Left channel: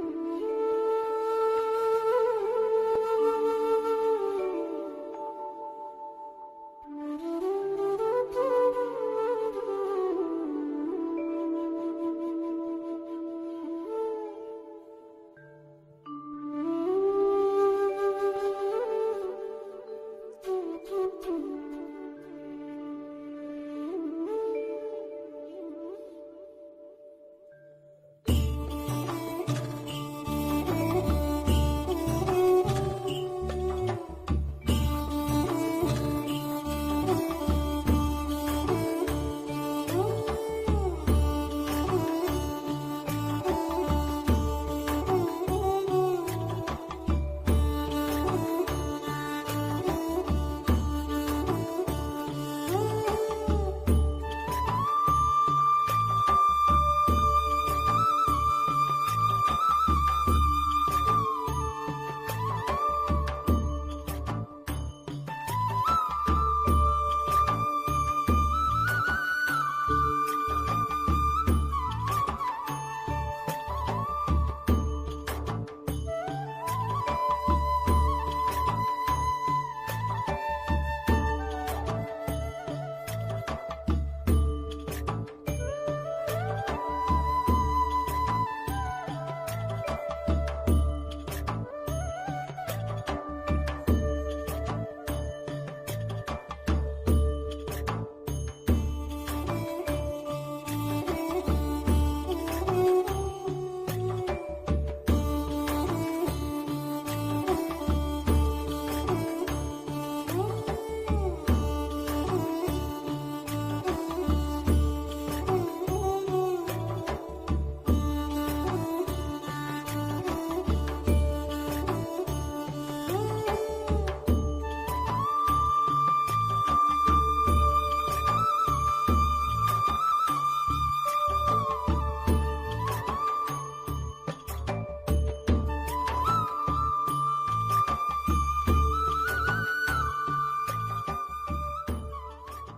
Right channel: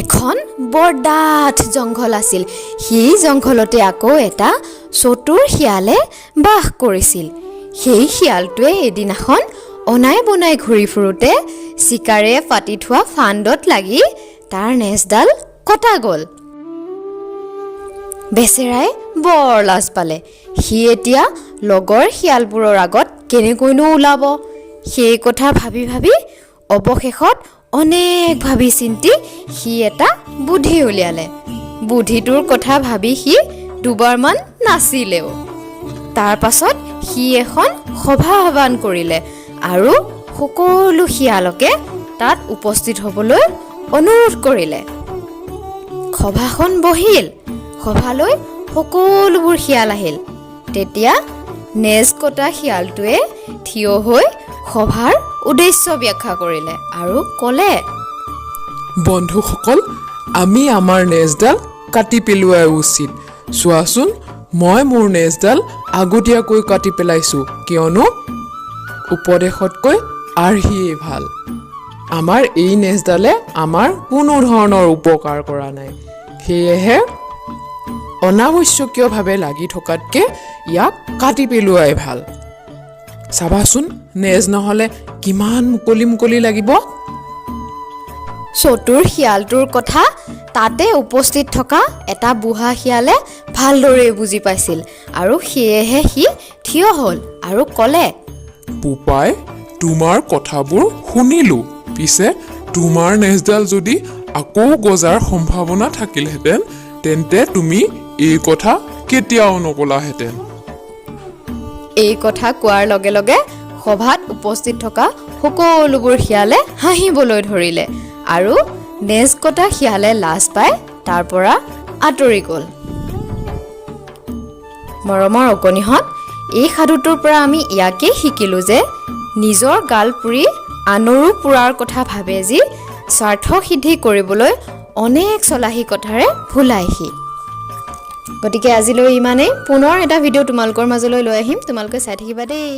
এখন বৰ ডাঠ জংঘল আছিল। সেই জংঘলতে আকৌ এটা চতুৰ শিয়ালে বাস কৰিছিল। সেই শিয়ালটোৱে এদিনাখন অনাই বনাই ঘূৰি ফুৰোতে চিকাৰে পাতি থোৱা ফান্দত লাগি তাৰ নেজডাল কটা গ'ল। বেচেৰাই বৰ লাজ পালে। সি এতিয়া লগৰ শিয়ালবোৰৰ আগত কেনেকৈনো ওলাব, সেই কথা ভাবি ভাবি অৱশেষত অনেক ভাবি চিন্তি সি এটা বুদ্ধি উলিয়ালে। বুদ্ধিটোৰ কথা ভাবি সি দুবাৰমান নাচিলেও। তাৰ পাছত সি এখন সভা আহ্বান কৰিলে আৰু সকলো শিয়ালকে তাত উপস্থিত হ'বলৈ অনুৰোধ কৰিলে। সভাখন বহিল। সভালৈ সকলোবোৰ শিয়াল আহিল। তেতিয়া নেজ কটা শিয়ালটোৱে থিয় হৈ সভাৰ উদ্দেশ্য ব্যাখ্যা কৰিলে আৰু ক'লে, বন্ধুসকল, আমি আমাৰ নেজডাল কাটি পেলোৱা উচিত। চোৱাচোন, মই মোৰ নেজডাল আগতীয়াকৈ কাটি পেলাইছোঁ, কিয়নো উপদেশতকৈ আৰ্হিয়ে ভাল। আমাৰ এই নেজডালে আমাৰ কোনো ধৰণৰ উপকাৰ কৰা নাই। সেয়েহে অনাৱশ্যকীয়ভাৱে লাগি থকাতকৈ ইয়াক কাটি পেলোৱাই ভাল। চাবাচোন, নেজ নহ'লে কিমান মুকলি মুকলি লাগিব। চতুৰ শিয়ালটোৰ কথা তাতে উপস্থিত থকা এটা বুঢ়া শিয়ালে ভালদৰে বুজি পাইছিল আৰু সেয়েহে সি থিয় হ'ল আৰু ক'লে, বোপাই, তোমাৰ কথাবোৰ শুনিলোঁ। পিছে তোমাৰ নেজডাল যদি আকৌ গজাৰ সম্ভাৱনা থাকিলহেঁতেন তেন্তে তুমি এই কথা কেতিয়াও নকলাহেঁতেন। এই কথা কোৱাৰ লগে লগে সভাত উপস্থিত থকা সকলোবোৰ শিয়ালে হাঁহিবলৈ ধৰিলে আৰু নেজ কটা শিয়ালে লাজ পাই তাৰ পৰা আঁতৰি গ'ল। মৰমৰ অকণিহঁত, এই সাধুটোৰ পৰা আমি ইয়াকেই শিকিলোঁ যে নিজৰ গাল পুৰি আনৰো পুৰাৰ কথা ভাবে যি স্বাৰ্থ সিদ্ধি কৰিবলৈ অনেক চলাহী কথাৰে ভুলাইহি। গতিকে আজিলৈ ইমানেই। পুনৰ এটা ভিডিঅ' তোমালোকৰ মাজলৈ লৈ আহিম। তোমালোকে চাই থাকিবা দেই।